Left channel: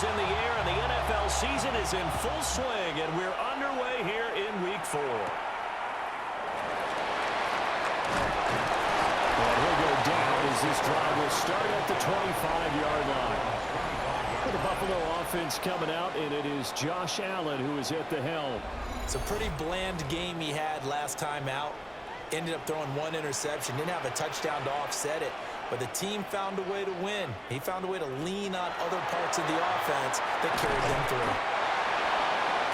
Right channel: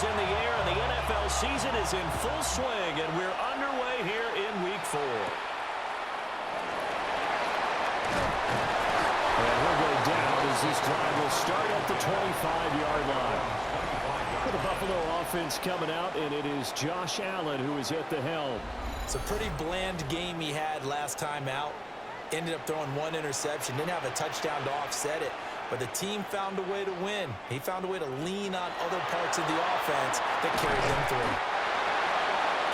is in the air, and the NFL season is in full swing, and we're underway here in Week 4. And he'll go down as this drive will start at the 25-yard line. For the Buffalo offense coming out, and it is Josh Allen who is at the helm. It's a pretty bland game he had last time out. Ended up throwing one interception. Didn't have a touchdown to offset it. But the team found a way to win. He found a way to lean on other parts of the offense that carried them through.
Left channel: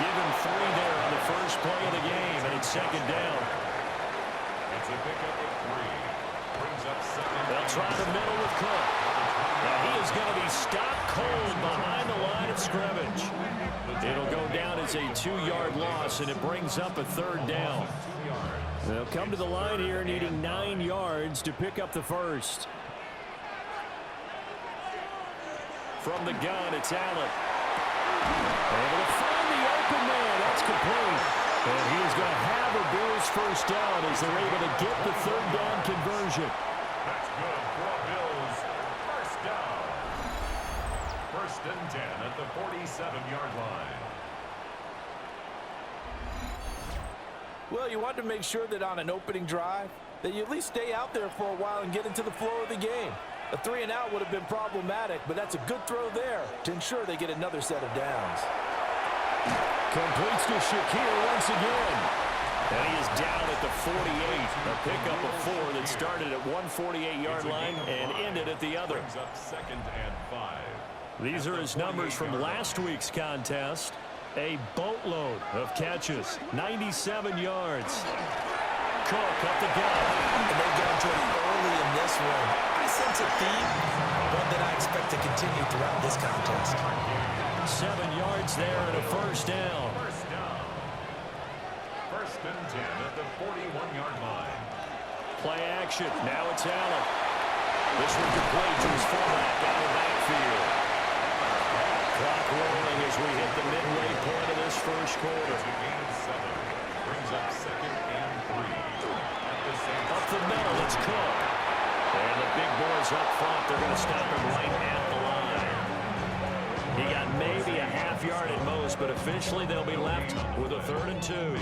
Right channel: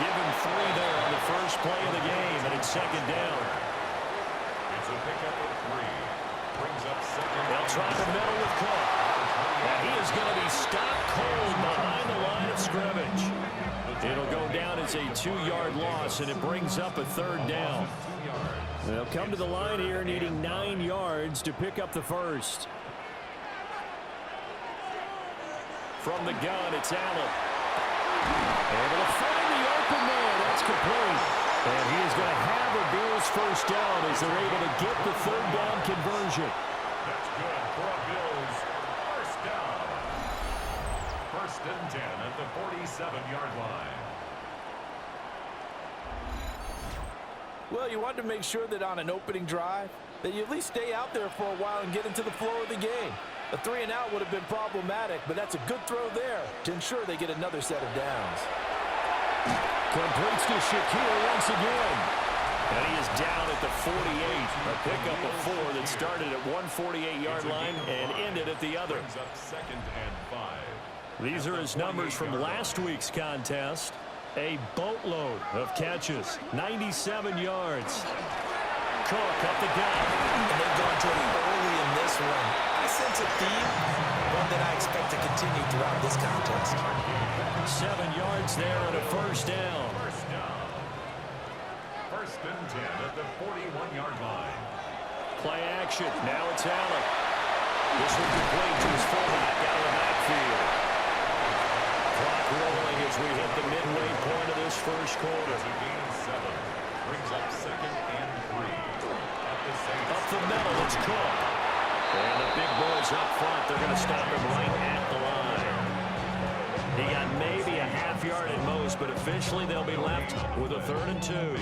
Give him 3 there on the first play of the game, and it's second down. It's a pickup of 3. Brings up second. They'll try the middle with Cook. And he is going to be stopped cold behind the line of scrimmage. It'll go down as a 2-yard loss, and it brings up a third down. They'll come to the line here needing 9 yards to pick up the first. From the gun, it's Allen. Able to find the open man. That's complete. And he is going to have a Bills first down as they're able to get the third down conversion. That's good for a Bills first down. First and 10 at the 47-yard line. Well, you want to make sure that on an opening drive that you at least stay out there for a while and get into the flow of the game. A 3-and-out would have been problematic, but that's a good throw there to ensure they get another set of downs. Completes to Shakir once again. And he is down at the 48. A pickup of 4 that started at 148-yard line and ended at the other. Brings up second and 5. These are his numbers from last week's contest. A boatload of catches. 97 yards. Cook up the gut. And they've gone to it early in this one. I sense a theme, one that I expect to continue throughout this contest. 7 yards there and a first down. First down. First and 10 at the 41-yard line. Play action. Now it's Allen. This one complete to his fullback out of the backfield. Clock rolling as we hit the midway point of this first quarter. It's a gain of 7. Brings up second and 3. At the same up the middle, it's Cook. And the big boys up front, they're going to stop him right at the line. He got maybe a half yard at most, but officially they'll be left with a 3rd and 2.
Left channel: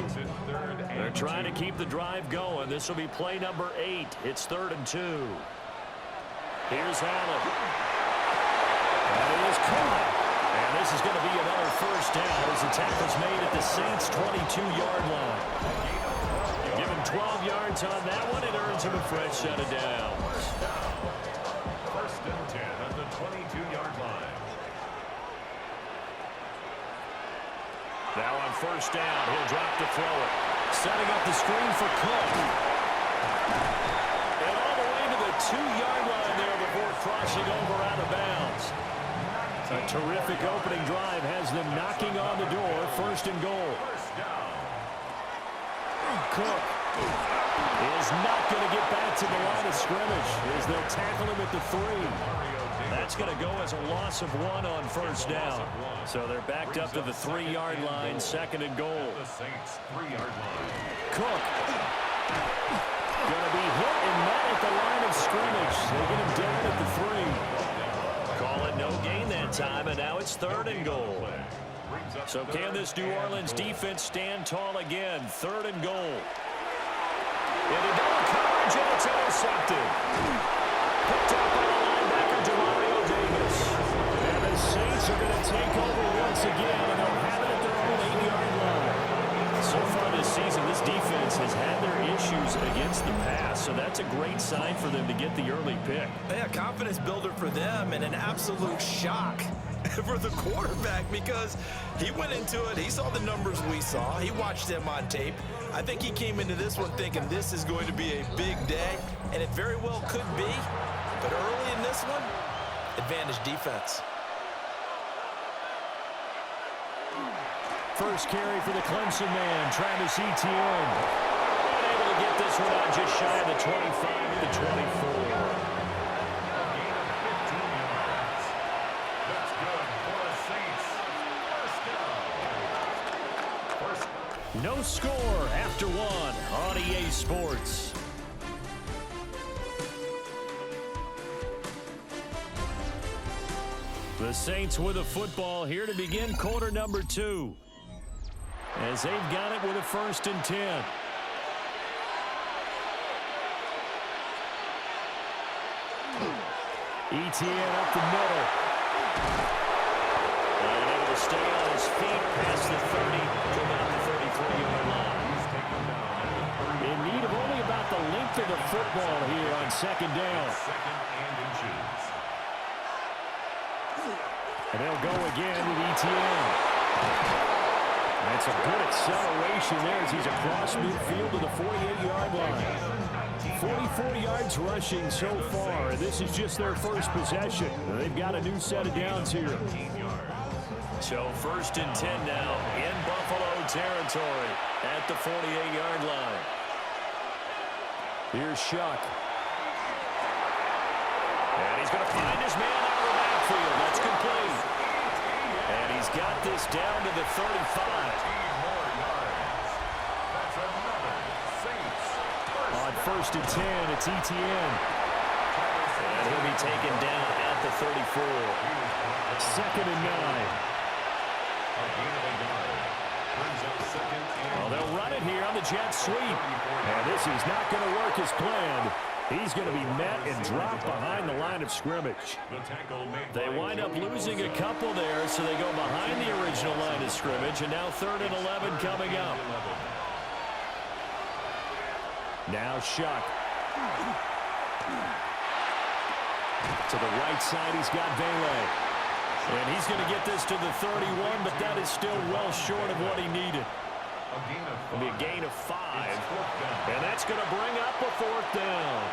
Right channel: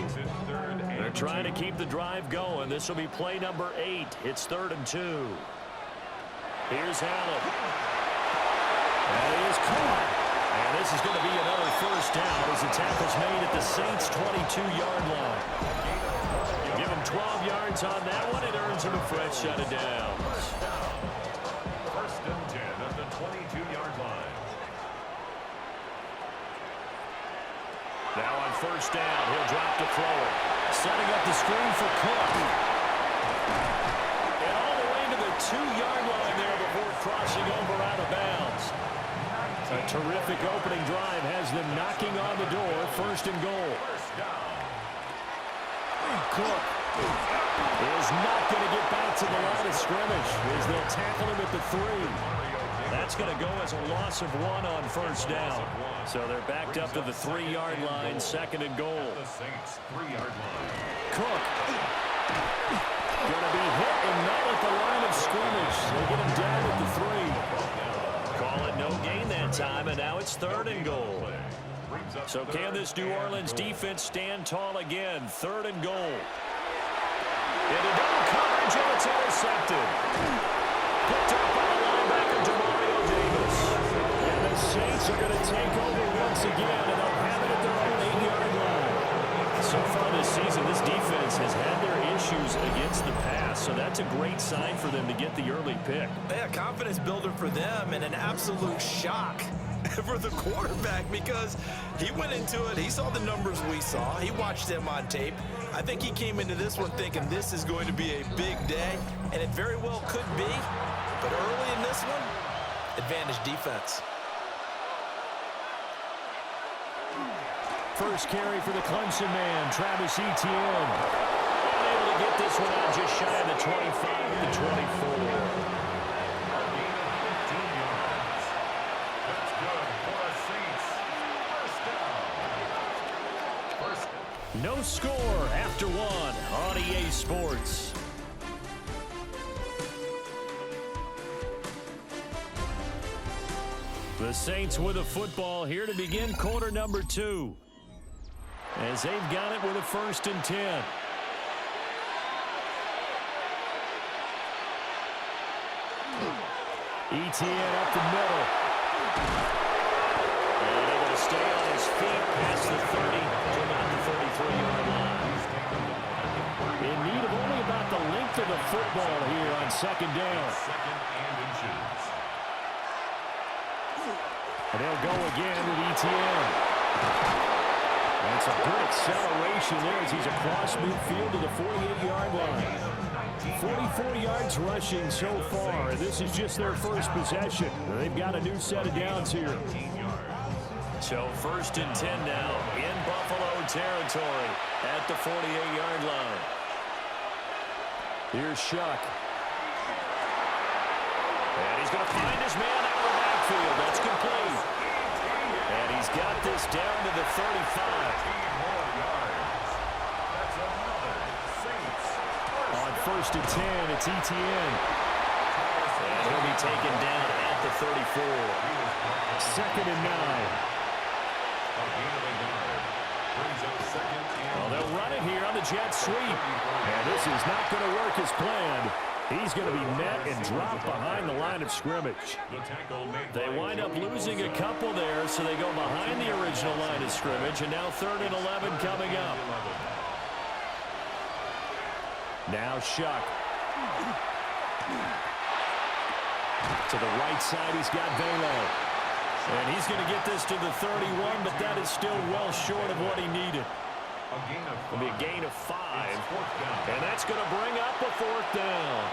They're trying to keep the drive going. This will be play number 8. It's 3rd and 2. Here's Allen. That is caught. And this is going to be another first down as the tackle's made at the Saints' 22-yard line. Give him 12 yards on that one. It earns him a fresh set of downs. First and 10 at the 22-yard line. Now on first down, he'll drop to throw it. Setting up the screen for Cook. And all the way to the 2-yard line there before crossing over out of bounds. A terrific opening drive has them knocking on the door. 1st and goal. Cook is not going to get back to the line of scrimmage as they'll tackle him at the 3. That's going to go as a loss of 1 on first down. So they're backed up to the 3-yard line, 2nd and goal. Cook going to be hit and met at the line of scrimmage. They get him down at the 3. Call it no gain that time, and now it's 3rd and goal. So can this New Orleans defense stand tall again? 3rd and goal. Into double coverage, and it's intercepted. Picked up by the linebacker, Demario Davis. And the Saints are going to take over once again, and they'll have it at their own 8-yard line. So far this season, this defense has had their issues against the pass, so that's a great sign for them to get the early pick. Yeah, confidence builder for them and an absolute shock for the quarterback because he went into it. He saw the numbers we saw. He watched them on tape. I think he came into this one thinking this is going to be a big day, and it very well could be. But early in this one, advantage defense. First carry for the Clemson man, Travis Etienne. And able to get this one out just shy of the 25 at the 24. A gain of 15 yards. That's good for the Saints. First down. No score after 1 on EA Sports. The Saints with a football here to begin quarter number 2. As they've got it with a 1st and 10. ETN up the middle. And able to stay on his feet past the 30 to about the 33-yard line. In need of only about the length of the football here on 2nd down. Second and inches. And they'll go again with ETN. And some good acceleration there as he's across midfield to the 48-yard line. 44 yards rushing so far, and this is just their first possession. They've got a new set of downs here. So 1st and 10 now in Buffalo territory at the 48-yard line. Here's Shuck. And he's going to find his man out of the backfield. That's complete. And he's got this down to the 35. 13 more yards. That's another Saints. On 1st and 10, it's ETN. And he'll be taken down at the 34. 2nd and 9. A gain of a yard. Brings up 2nd and Well, they'll run it here on the jet sweep. And this is not going to work as planned. He's going to be met and dropped behind the line of scrimmage. the tackle made They by wind up Joe losing a Wilson. couple there, so they go behind the original line of scrimmage, and now 3rd and 11 coming up. 11. Now Shuck. To the right side, he's got Vele. And he's going to get this to the 31, but that is still well short of what he needed. A gain of 5. It'll be a gain of 5. It's 4th down. And that's going to bring up a 4th down.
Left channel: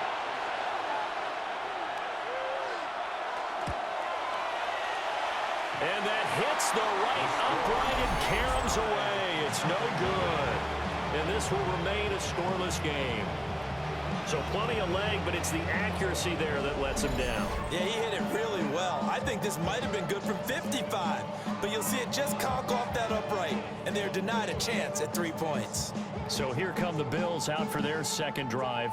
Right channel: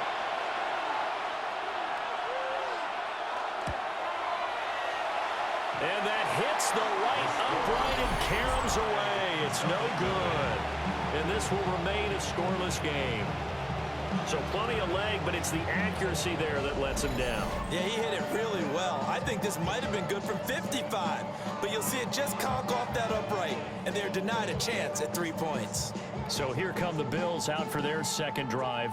And that hits the right upright and caroms away. It's no good. And this will remain a scoreless game. So plenty of leg, but it's the accuracy there that lets him down. Yeah, he hit it really well. I think this might have been good from 55. But you'll see it just conk off that upright. And they're denied a chance at 3 points. So here come the Bills out for their second drive.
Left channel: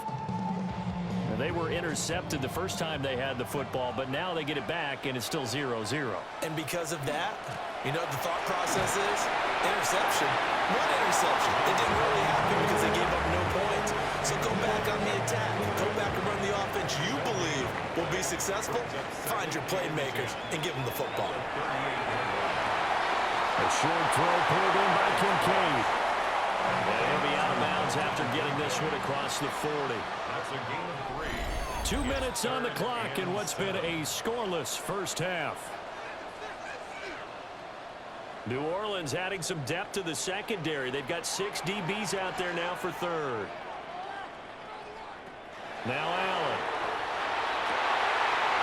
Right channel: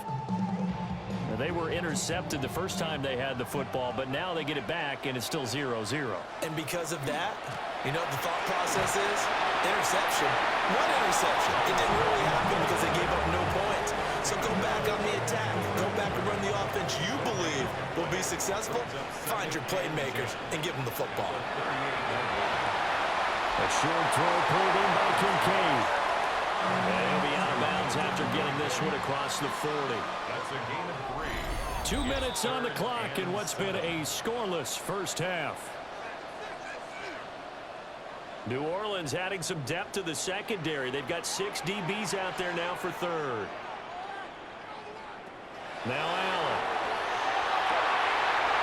Now, they were intercepted the first time they had the football, but now they get it back, and it's still 0-0. And because of that, you know what the thought process is? Interception. One interception. It didn't really happen because they gave up no points. So go back on the attack. Go back and run the offense you believe will be successful. Find your playmakers and give them the football. A short throw pulled in by Kincaid. And he'll be out of bounds after getting this one across the 40. That's a gain of 3. 2 minutes on the clock in what's been a scoreless first half. New Orleans adding some depth to the secondary. They've got 6 DBs out there now for 3rd. Now Allen.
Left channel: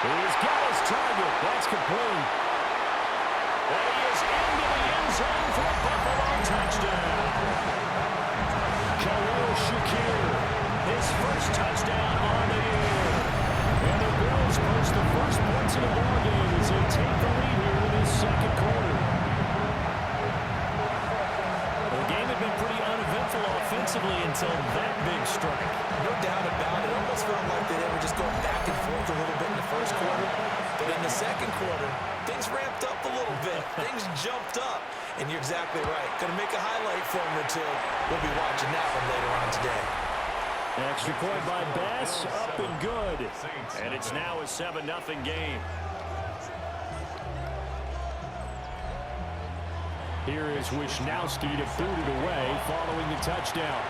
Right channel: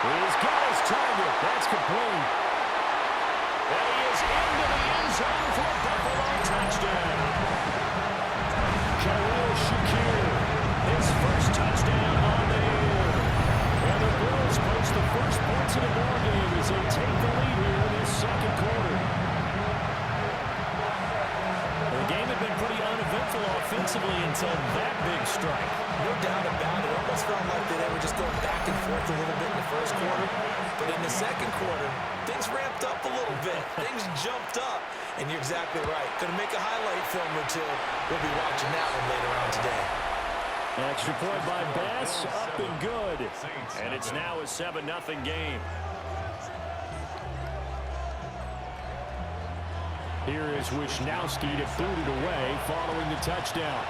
He's got his target. That's complete. And he is into the end zone for a Buffalo touchdown. Khalil Shakir, his first touchdown on the year. And the Bills post the first points of the ballgame as they take the lead here in this second quarter. The game had been pretty uneventful offensively until that big strike. No doubt about it. It almost felt like they were just going back and forth a little bit in the first quarter. But in the second quarter, things ramped up a little bit. Things jumped up. And you're exactly right. Going to make a highlight film or two. We'll be watching that one later on today. Extra point by Bass, up and good. And it's now a 7-0 game. Here is Wisnowski to boot it away following the touchdown.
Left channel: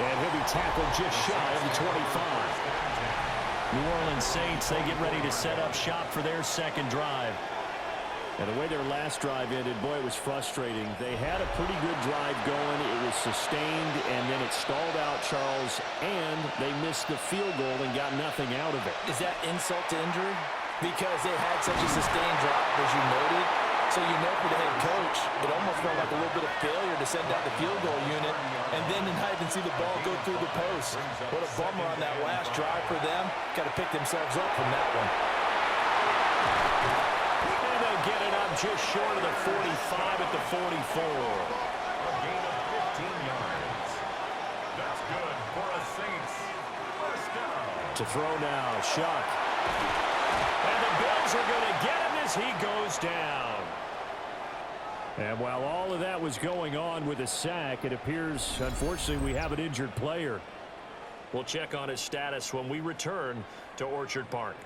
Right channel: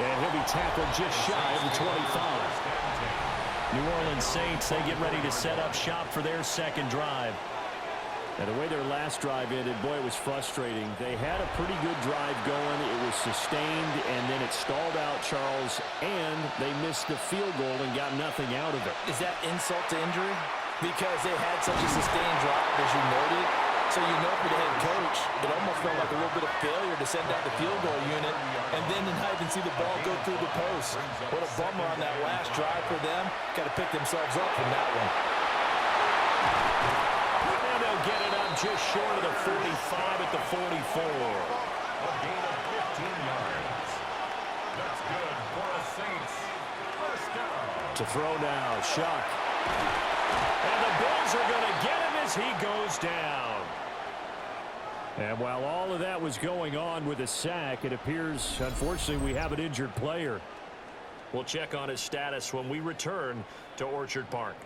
And he'll be tackled just shy of the 25. New Orleans Saints, they get ready to set up shop for their second drive. And the way their last drive ended, boy, it was frustrating. They had a pretty good drive going. It was sustained, and then it stalled out, Charles, and they missed the field goal and got nothing out of it. Is that insult to injury? Because they had such a sustained drive, as you noted. So you know for the head coach, it almost felt like a little bit of failure to send out the field goal unit and then to not even see the ball go through the post. What a bummer on that last drive for them. Got to pick themselves up from that one. And they'll get it up just short of the 45 at the 44. A gain of 15 yards. That's good for a Saints first down. To throw now, Shuck. And the Bills are going to get him as he goes down. And while all of that was going on with a sack, it appears, unfortunately, we have an injured player. We'll check on his status when we return to Orchard Park.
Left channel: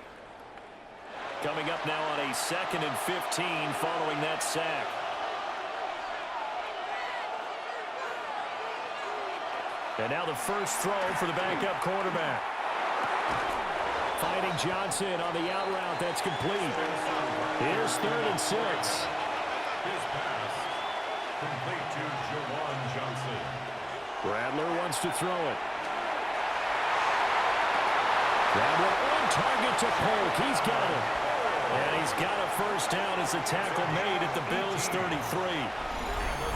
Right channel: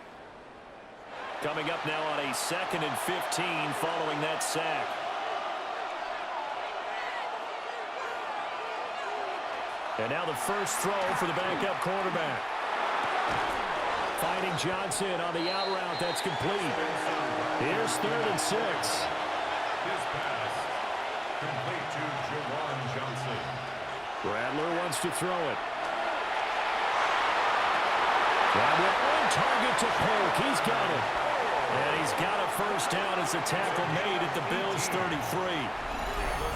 Coming up now on a 2nd and 15 following that sack. And now the first throw for the backup quarterback. Finding Johnson on the out route. That's complete. Here's 3rd and 6. His pass complete to Jawan Johnson. Rattler wants to throw it. That one on target to Polk. He's got it. And he's got a first down as the tackle made at the Bills' 33.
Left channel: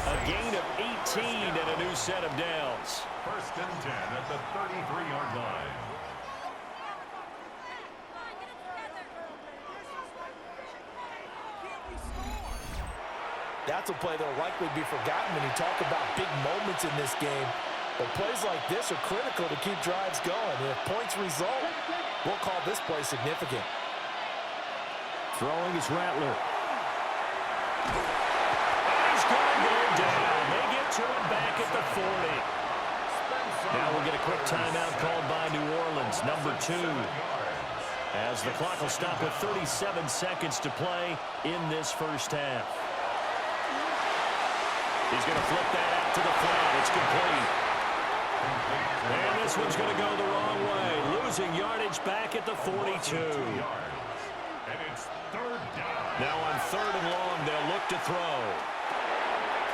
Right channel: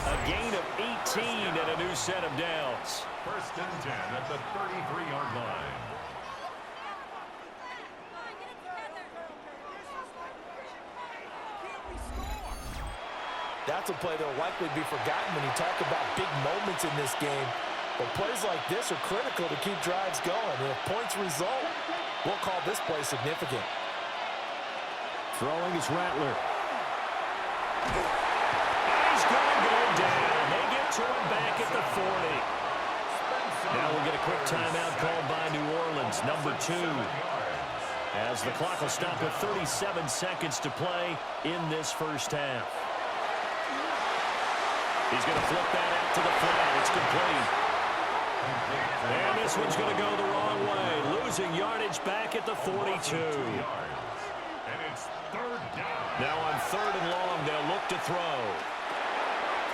A gain of 18 and a new set of downs. 1st and 10 at the 33-yard line. That's a play that will likely be forgotten when you talk about big moments in this game. But plays like this are critical to keep drives going. And if points result, we'll call this play significant. Throwing is Rattler. And he's going to go down. They get to him back at the 40. Now we'll get a quick timeout called by New Orleans, number 2. As the clock will stop with 37 seconds to play in this first half. He's going to flip that out to the flat. It's complete. And this one's going to go the wrong way. Losing yardage back at the 42. And it's 3rd down. Now on 3rd and long, they'll look to throw.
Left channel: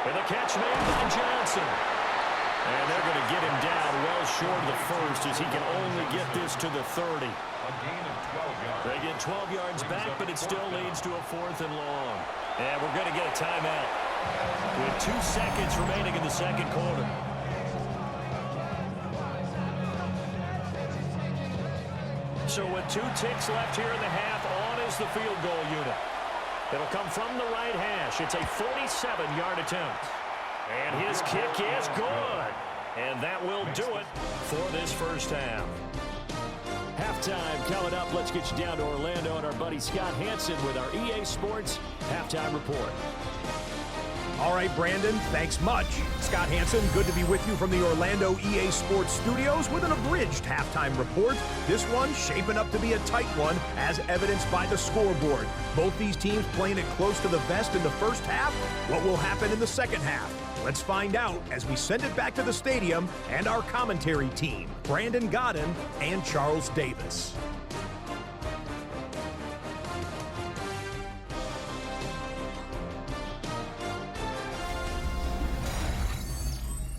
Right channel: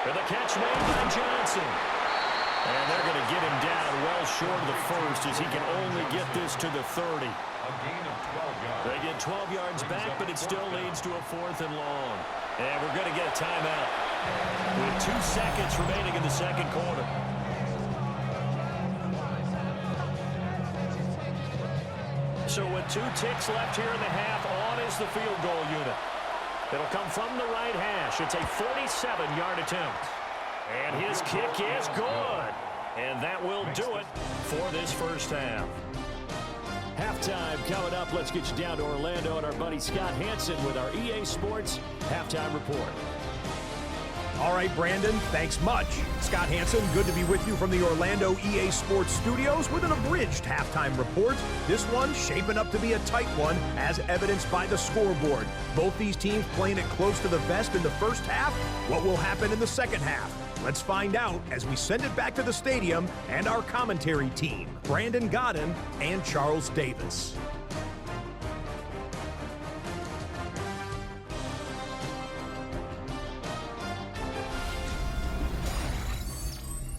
And the catch made by Johnson. And they're going to get him down well short of the first as he can only get this to the 30. A gain of 12 yards. They get 12 yards back, but it still leads to a 4th and long. And we're going to get a timeout with 2 seconds remaining in the second quarter. So with 2 ticks left here in the half, on is the field goal unit. It'll come from the right hash. It's a 47-yard attempt. And his kick is good. And that will do it for this first half. Halftime coming up. Let's get you down to Orlando and our buddy Scott Hansen with our EA Sports Halftime Report. All right, Brandon, thanks much. Scott Hansen, good to be with you from the Orlando EA Sports Studios with an abridged halftime report. This one shaping up to be a tight one, as evidenced by the scoreboard. Both these teams playing it close to the vest in the first half. What will happen in the second half? Let's find out as we send it back to the stadium and our commentary team, Brandon Godden and Charles Davis.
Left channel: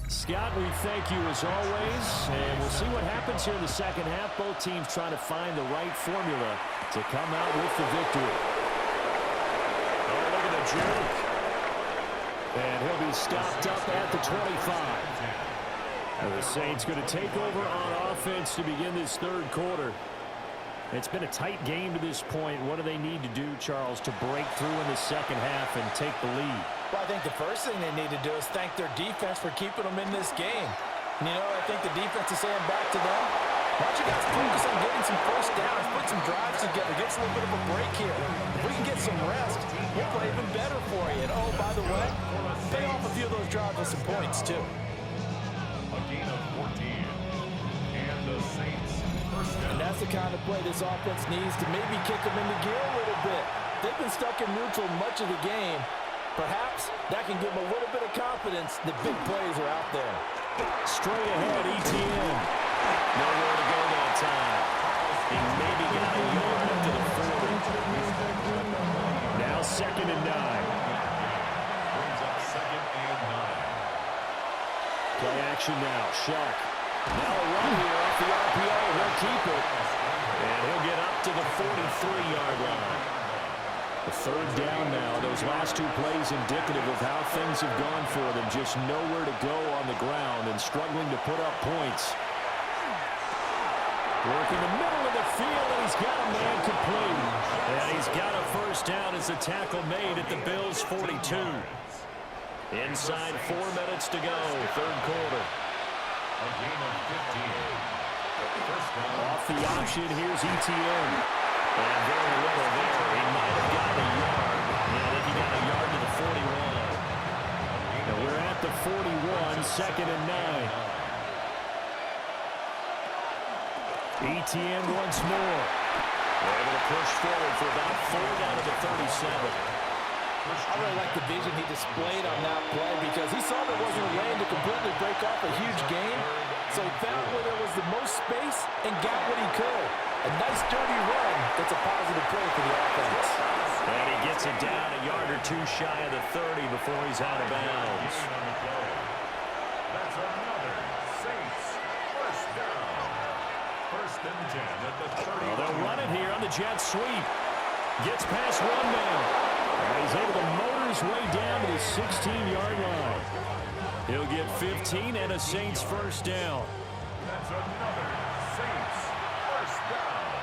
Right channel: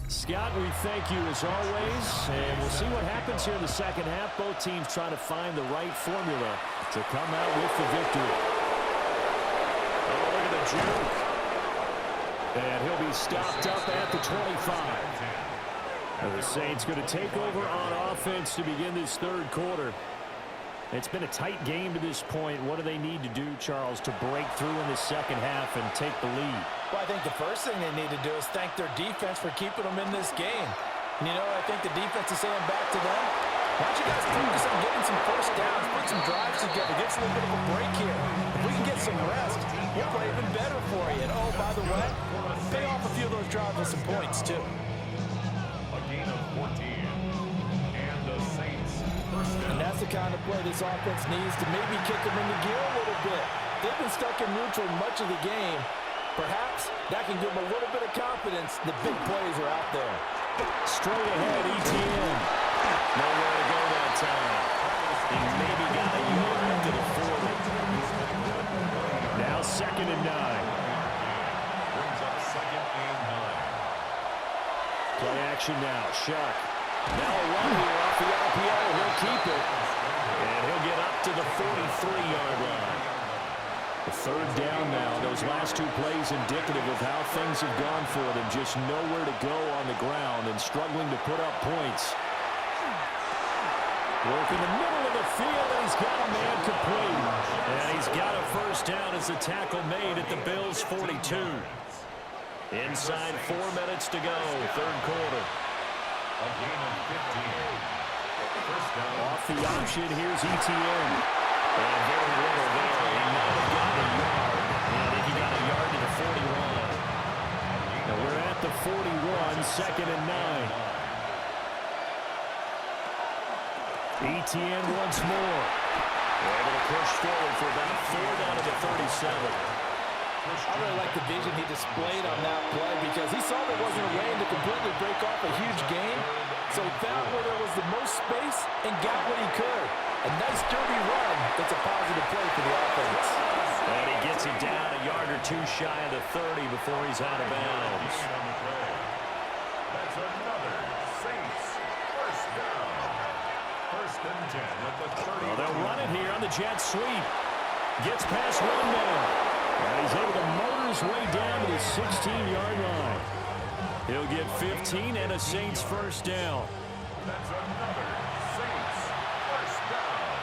Scott, we thank you as always, and we'll see what happens here in the second half. Both teams trying to find the right formula to come out with the victory. Oh, look at the juke. And he'll be stopped up at the 25. And the Saints going to take over on offense to begin this third quarter. It's been a tight game to this point. What do they need to do, Charles, to break through in the second half and take the lead? Well, I think the first thing they need to do is thank their defense for keeping them in this game. And, you know, I think the defense is saying back to them, why don't you guys focus on getting some first downs, put some drives together, get us a little bit of a break here. If we can get some rest, we'll play even better for you. And, oh, by the way, pay off a few of those drives with some points, too. A gain of 14. And the Saints first down. And that's the kind of play this offense needs to maybe kick them into gear a little bit. They've been stuck in neutral much of the game. Perhaps that can give them a little bit of confidence that big plays are out there. Straight ahead, ETN. Nowhere to go that time. He maybe got a yard up to the 40. Now 2nd and 9. Brings up 2nd and 9. Play action now. Shuck. Now a run here off the RPO. He'll keep it. And he'll get up to the 43-yard line. The third down now. Those last 2 plays indicative of how things have gone for them. Just nowhere to go on the ground and struggling to put up points. Work in the middle of the field, and he's got a man complete. And he's got a first down as the tackle made at the Bills' 42. Inside 4 minutes to go, third quarter. A A gain of 15. First down. Off the option, here's Etienne. And very little there. He might have gotten a yard. Yeah, I think he got a yard to the 41. Now we're at the 41, 2nd and 9. Etienne once more. They're able to push forward for about 4 down to the 37. I really like the vision he displayed on that play because he saw there wasn't a lane to completely break off a huge gain. So he found where there was the most space and got what he could. A nice dirty run that's a positive play for the offense. And he gets it down a yard or two shy of the 30 before he's out of bounds. That's another Saints first down. First and 10 at the 30. Well, they'll run it here on the jet sweep. Gets past one man. And he's able to motor his way down to the 16-yard line. He'll get 15 and a Saints first down. That's another Saints first down.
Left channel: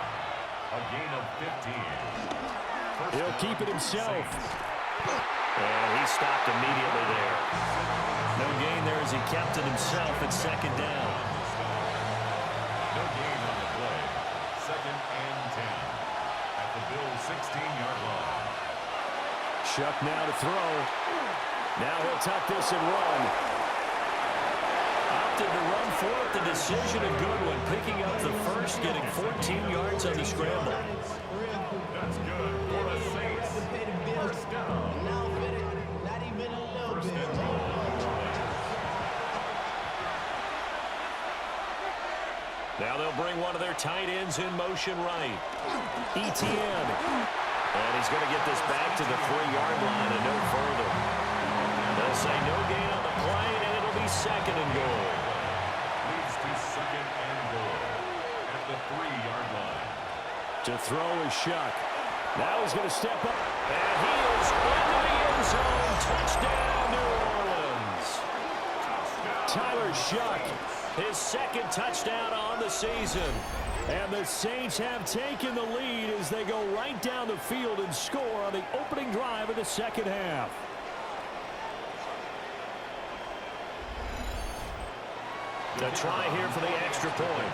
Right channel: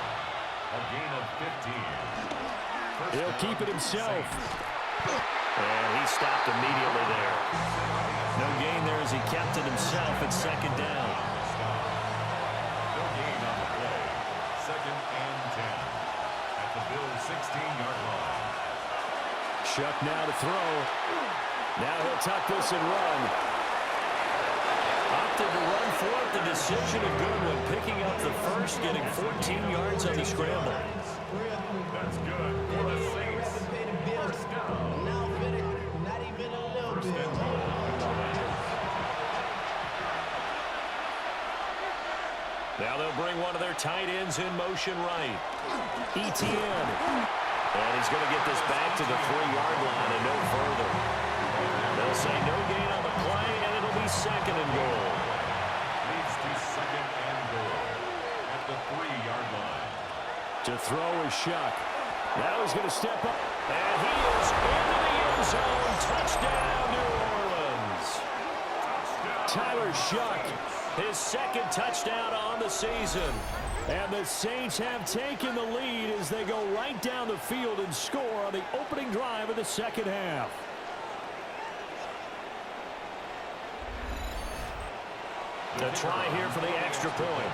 A gain of 15. He'll keep it himself. And he stopped immediately there. No gain there as he kept it himself at 2nd down. No gain on the play. 2nd and 10 at the Bills' 16-yard line. Shuck now to throw. Now he'll tuck this and run. Opted to run for it. The decision a good one. Picking up the first, getting 14 yards on the scramble. That's good for the Saints. First down. First and goal. Now they'll bring one of their tight ends in motion right. Etienne. And he's going to get this back to the 3-yard line and no further. They'll say no gain on the play, and it'll be 2nd and goal. Leads to 2nd and goal at the 3-yard line. To throw is Shuck. Now he's going to step up. And he is into the end zone. Touchdown, New Orleans. Tyler Shuck, his 2nd touchdown on the season. And the Saints have taken the lead as they go right down the field and score on the opening drive of the 2nd half. The try here for the extra point.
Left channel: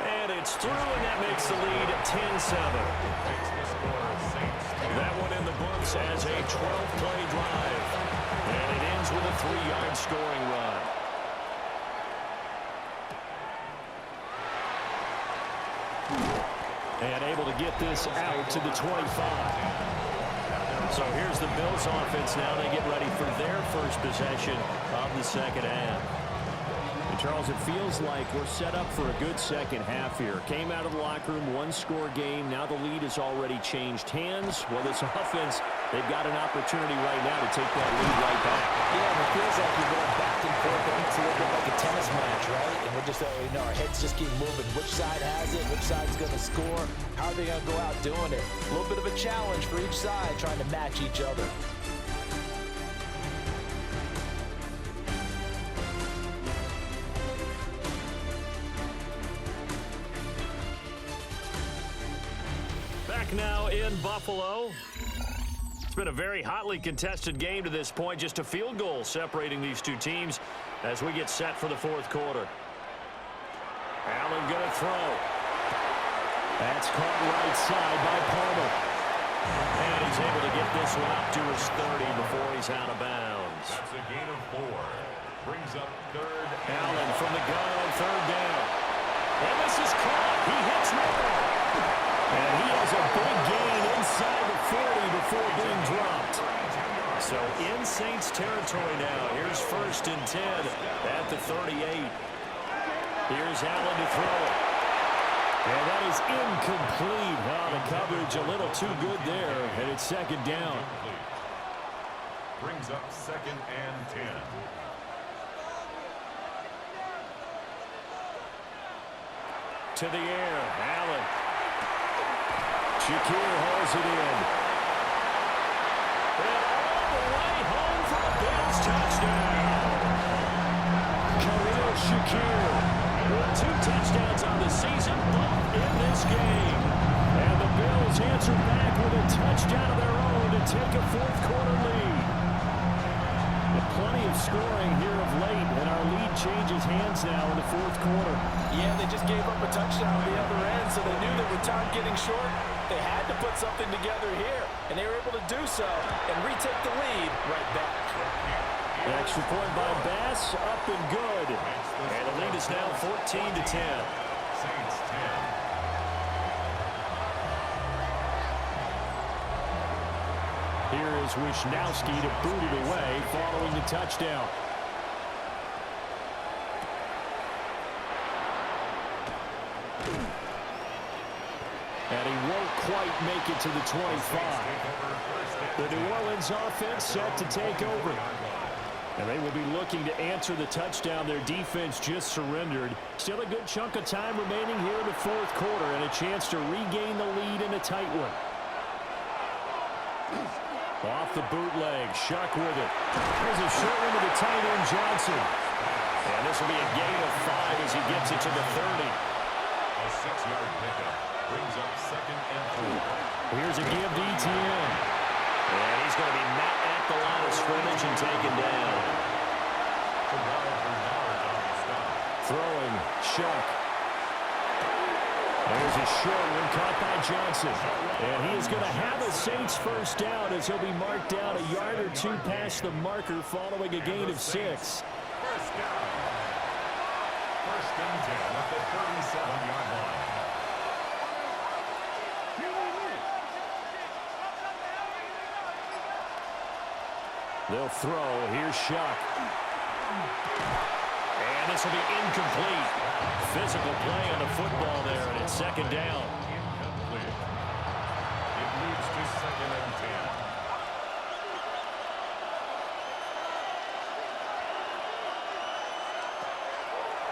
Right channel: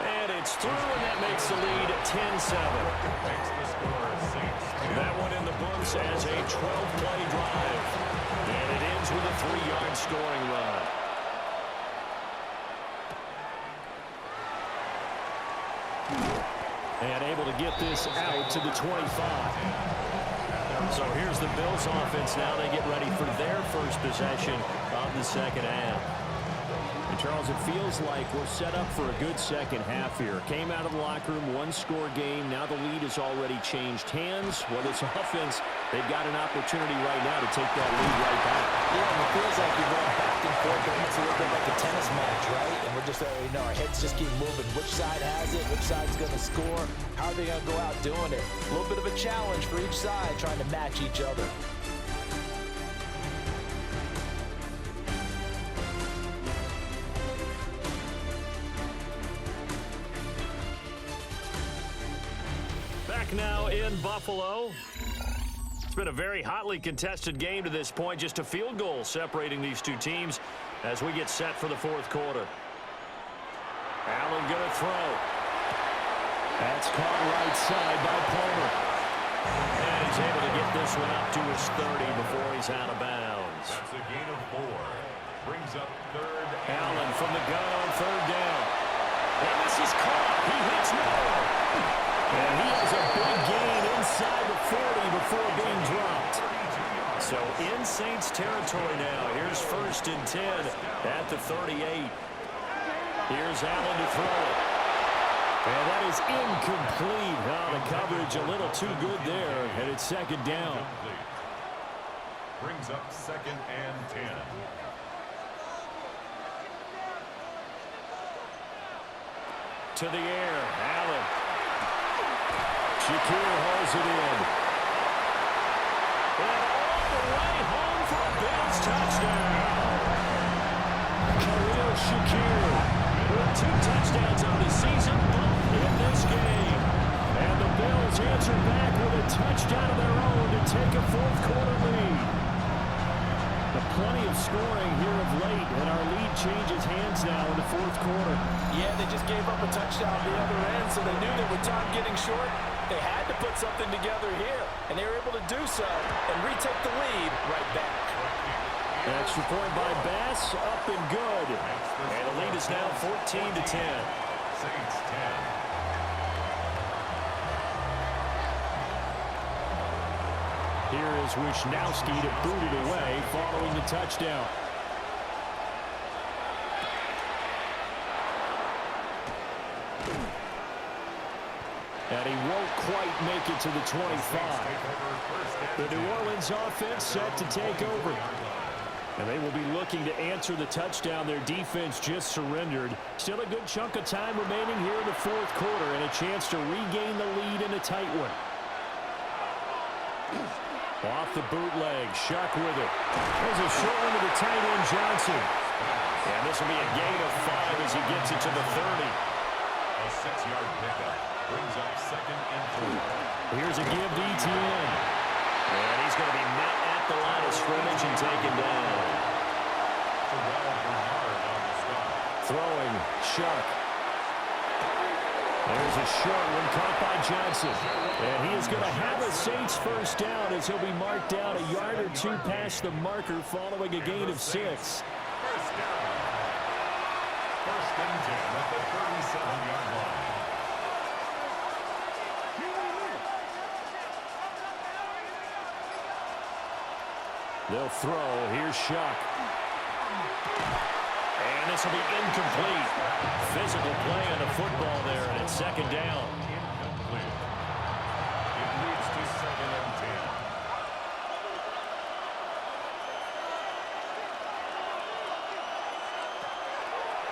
And it's through, and that makes the lead 10-7. Makes the score Saints. That one in the books as a 12-play drive. And it ends with a 3-yard scoring run. And able to get this out to the 25. So here's the Bills offense now. They get ready for their first possession of the 2nd half. And Charles, it feels like we're set up for a good 2nd half here. Came out of the locker room, 1-score game. Now the lead has already changed hands. Well, this offense, they've got an opportunity right now to take that lead right back. Yeah, and it feels like you're going back and forth. It's a little bit like a tennis match, right? And we're just, our heads just keep moving. Which side has it? Which side's going to score? How are they going to go out doing it? A little bit of a challenge for each side, trying to match each other. Now in Buffalo. It's been a very hotly contested game to this point. Just a field goal separating these two teams as we get set for the 4th quarter. Allen going to throw. That's caught right side by Palmer. And he's able to get this one up to his 30 before he's out of bounds. That's a gain of 4. Brings up 3rd. Allen from the gun on 3rd down. And this is caught. He hits more. And he has a big gain inside the 40 before being dropped. So in Saints territory now. Here's 1st and 10 at the 38. Here's Allen to throw it. And that is incomplete. Oh, the coverage a little too good there. And it's 2nd down. Brings up 2nd and 10. To the air. Allen. Shakir hauls it in. And all the way home for a Bills touchdown. Khalil Shakir with 2 touchdowns on the season, both in this game. And the Bills answer back with a touchdown of their own to take a 4th quarter lead. plenty of scoring here of late, and our lead changes hands now in the fourth quarter. Yeah, they just gave up a touchdown at the other end, so they knew that with time getting short, they had to put something together here, and they were able to do so and retake the lead right back. Extra point by Bass, up and good. And the lead is now 14-10. Saints 10. Here is Wisnowski to boot it away following the touchdown. And he won't quite make it to the 25. The New Orleans offense set to take over. And they will be looking to answer the touchdown their defense just surrendered. Still a good chunk of time remaining here in the fourth quarter and a chance to regain the lead in a tight one. Off the bootleg, Shuck with it. There's a short one to the tight end, Johnson. And this will be a gain of 5 as he gets it to the 30. A 6-yard pickup brings up 2nd and 4. Here's a give to ETN. And he's going to be met at the line of scrimmage and taken down. Throwing, Shuck. There's a short one caught by Johnson. And he is going to have a Saints first down as he'll be marked down a yard or two past the marker following a gain of 6. First down. 1st and 10 at the 37-yard line. They'll throw. Here's Shuck. And this will be incomplete. Physical play on the football there, and it's 2nd down. Incomplete. It leads to 2nd and 10.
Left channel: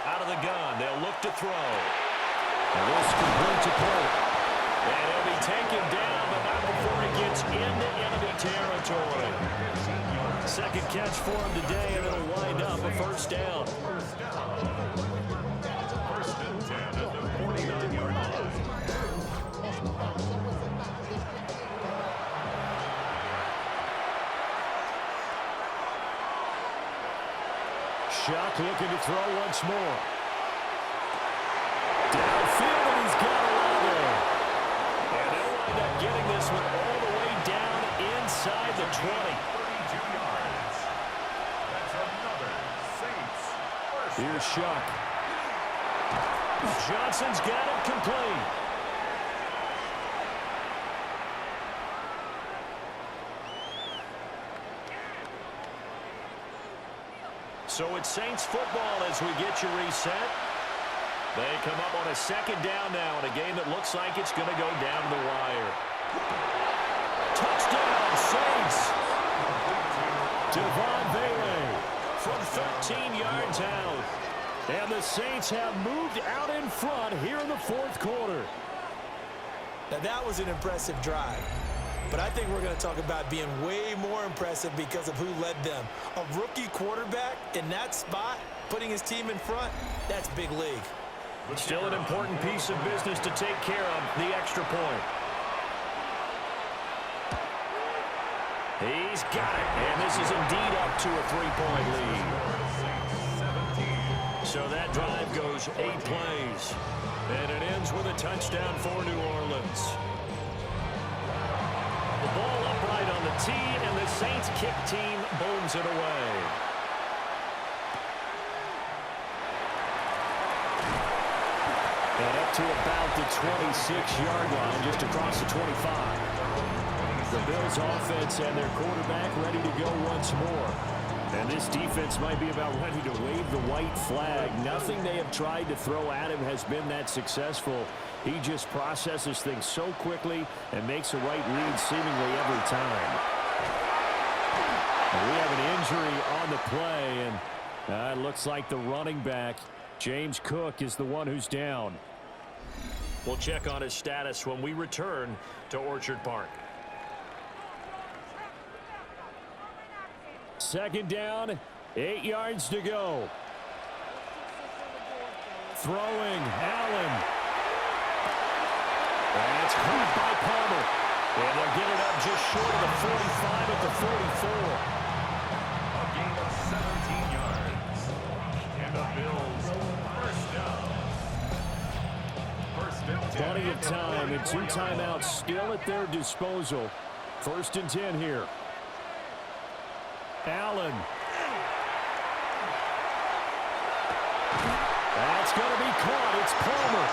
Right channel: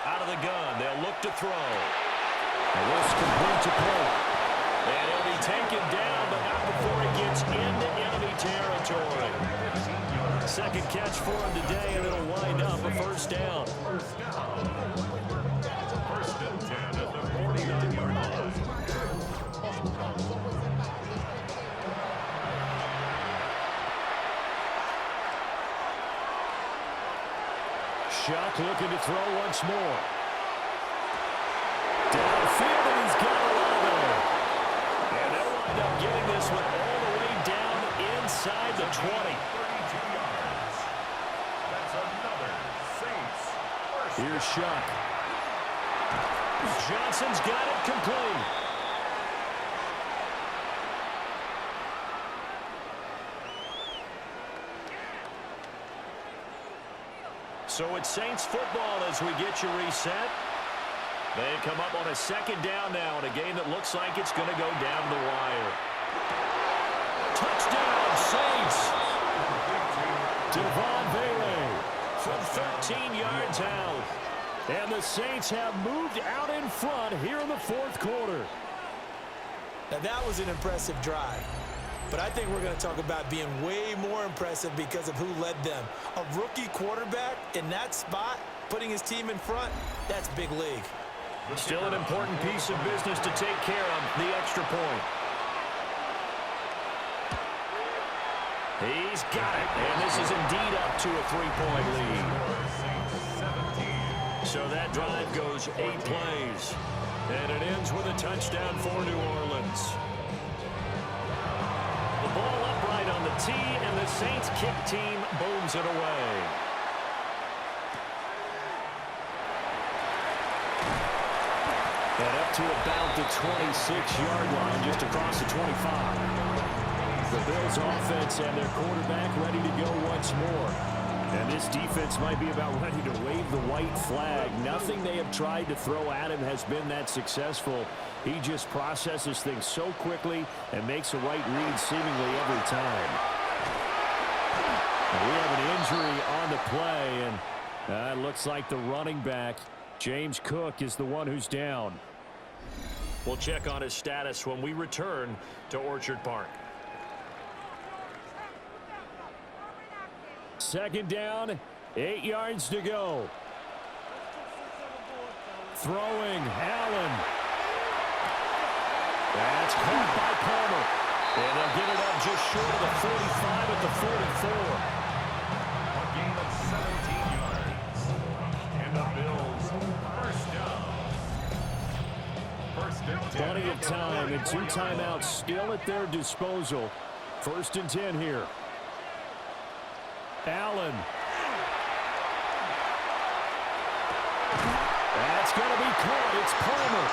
Out of the gun, they'll look to throw. And this complete to Polk. And he'll be taken down, but not before he gets into enemy territory. 2nd catch for him today, and it'll wind up a first down. First down. 1st and 10 at the 49-yard line. Shuck looking to throw once more. Downfield, and he's got a lot there. And they'll wind up getting this one all the way down inside the 20. 32 yards. That's another Saints first. Here's Shuck. Johnson's got it complete. So it's Saints football as we get you reset. They come up on a 2nd down now in a game that looks like it's going to go down the wire. Touchdown, Saints! Devon Bailey from 13 yards out. And the Saints have moved out in front here in the fourth quarter. Now, that was an impressive drive. But I think we're going to talk about being way more impressive because of who led them. A rookie quarterback in that spot, putting his team in front, that's big league. Still an important piece of business to take care of, the extra point. He's got it, and this is indeed up to a 3-point lead. So that drive goes 8 plays, and it ends with a touchdown for New Orleans. The ball upright on the tee, and the Saints kick team booms it away. And up to about the 26-yard line, just across the 25. The Bills offense and their quarterback ready to go once more. And this defense might be about ready to wave the white flag. Nothing they have tried to throw at him has been that successful. He just processes things so quickly and makes a right read seemingly every time. And we have an injury on the play, and it looks like the running back, James Cook, is the one who's down. We'll check on his status when we return to Orchard Park. 2nd down, 8 yards to go. Throwing, Allen. That's caught by Palmer. And they'll get it up just short of the 45 at the 44. A gain of Plenty of time and 2 timeouts still at their disposal. 1st and 10 here. Allen. That's going to be caught. It's Palmer.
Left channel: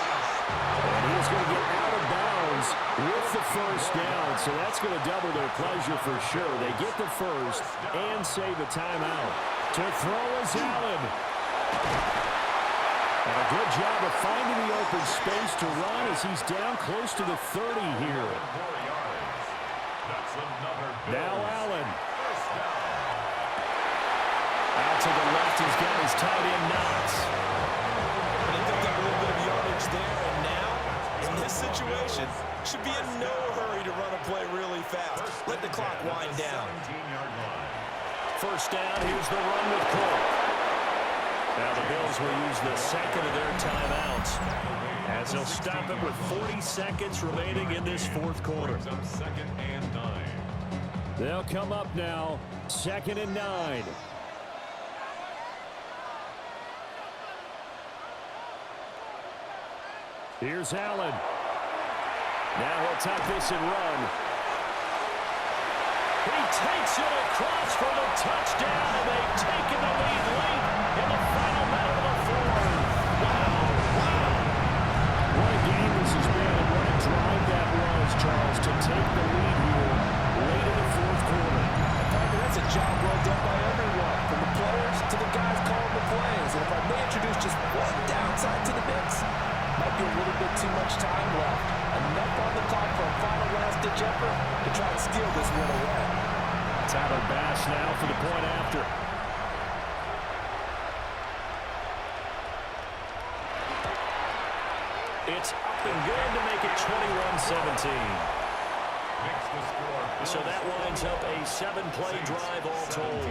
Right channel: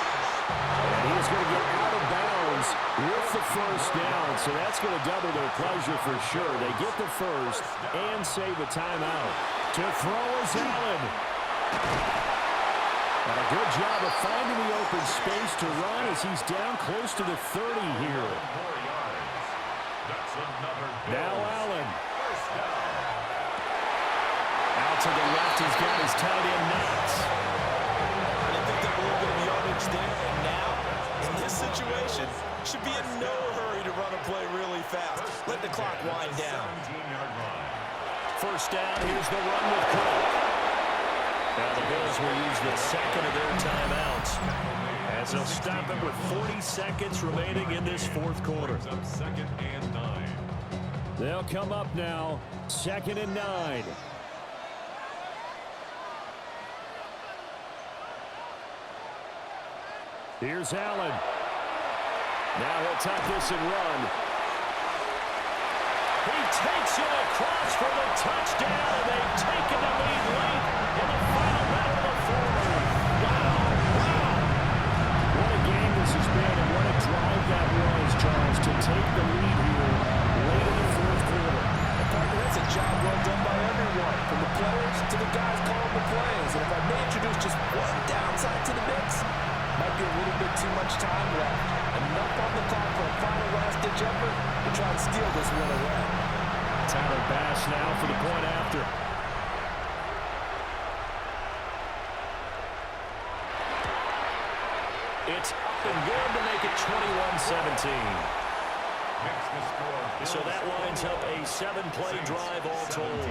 And he's going to get out of bounds with the 1st down. So that's going to double their pleasure for sure. They get the 1st and save a timeout. To throw is Allen. And a good job of finding the open space to run as he's down close to the 30 here. Now Allen. Out to the left, he's got his tight end Knox. And they picked up a little bit of yardage there, and now, in this situation, should be in no hurry to run a play really fast. Let the clock wind down. 1st down, here's the run with Cole. Now the Bills will use the 2nd of their timeouts as they'll stop it with 40 seconds remaining in this 4th quarter. 2nd and 9. They'll come up now, 2nd and 9. Here's Allen. Now he'll tuck this and run. He takes it across for the touchdown, and they've taken the lead late in the final minute of the 4th. Wow, wow. What a game this has been, and what a drive that was, Charles, to take the lead here late in the 4th quarter. And partner, that's a job well done by everyone, from the players to the guys calling the plays. And if I may introduce just one downside to the mix, might be a little bit too much time left. Enough on the clock for a final last-ditch effort to try and steal this one away. Tyler Bass now for the point after. It's up and good to make it 21-17. So that winds up a 7-play drive all told.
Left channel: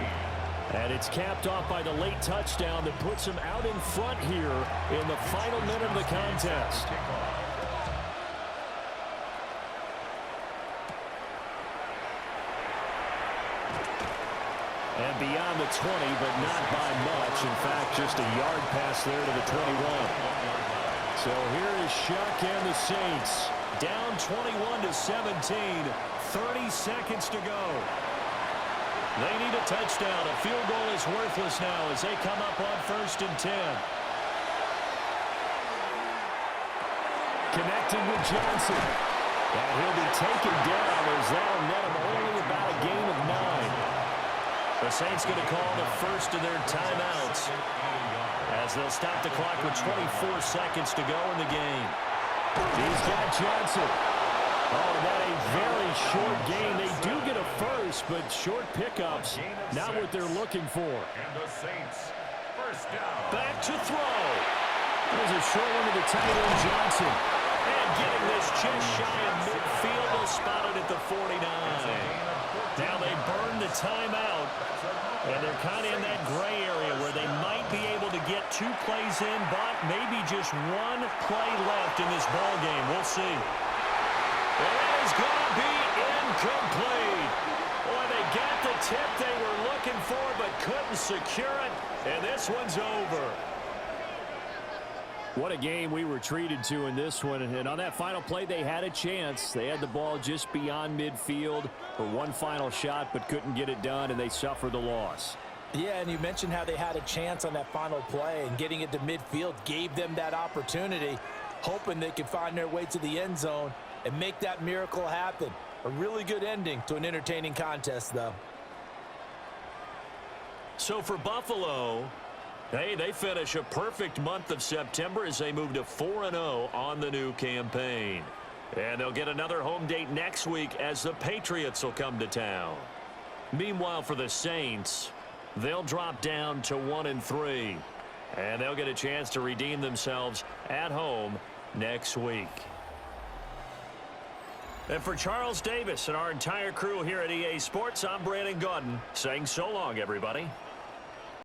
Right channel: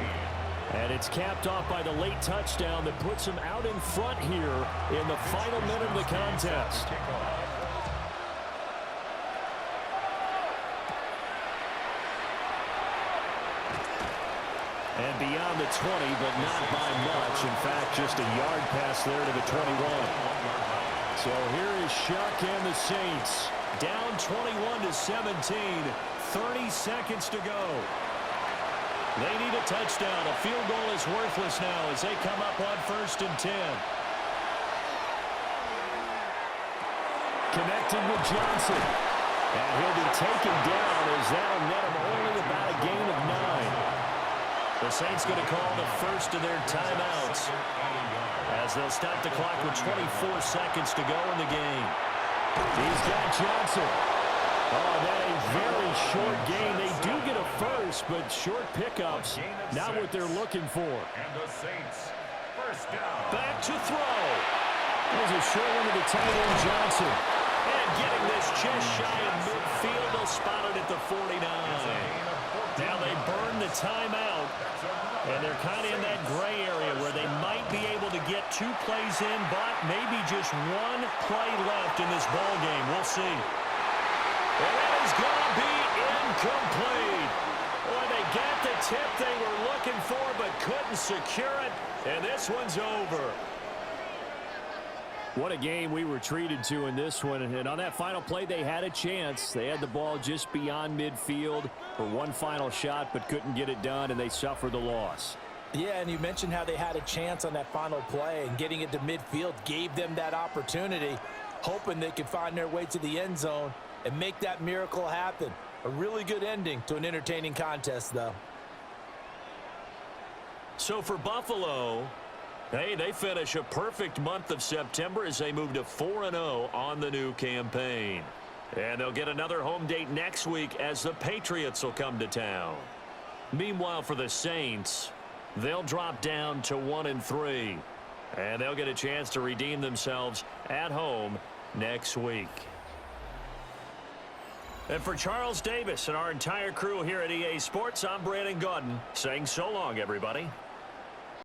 And it's capped off by the late touchdown that puts him out in front here in the final minute of the contest. And beyond the 20, but not by much. In fact, just a yard pass there to the 21. So here is Shuck and the Saints. Down 21-17, 30 seconds to go. They need a touchdown. A field goal is worthless now as they come up on 1st and 10. Connecting with Johnson. And he'll be taken down as that'll net him only about a gain of 9. The Saints going to call the 1st of their timeouts as they'll stop the clock with 24 seconds to go in the game. He's got Johnson. Oh, and that a very short game. They do get a 1st, but short pickups, not what they're looking for. And the Saints, 1st down. Back to throw. There's a short one to the tight end, Johnson. And getting this just shy of midfield, they'll spot it at the 49. Now they burn the timeout, and they're kind of in that gray area where they might be able to get 2 plays in, but maybe just 1 play left in this ball game. We'll see. And that is going to be incomplete. Boy, they got the tip they were looking for, but couldn't secure it, and this one's over. What a game we were treated to in this one. And on that final play, they had a chance. They had the ball just beyond midfield for one final shot, but couldn't get it done, and they suffered the loss. Yeah, and you mentioned how they had a chance on that final play, and getting it to midfield gave them that opportunity, hoping they could find their way to the end zone and make that miracle happen. A really good ending to an entertaining contest, though. So for Buffalo, hey, they finish a perfect month of September as they move to 4-0 on the new campaign. And they'll get another home date next week as the Patriots will come to town. Meanwhile, for the Saints, they'll drop down to 1-3. And they'll get a chance to redeem themselves at home next week. And for Charles Davis and our entire crew here at EA Sports, I'm Brandon Gaudin saying so long, everybody.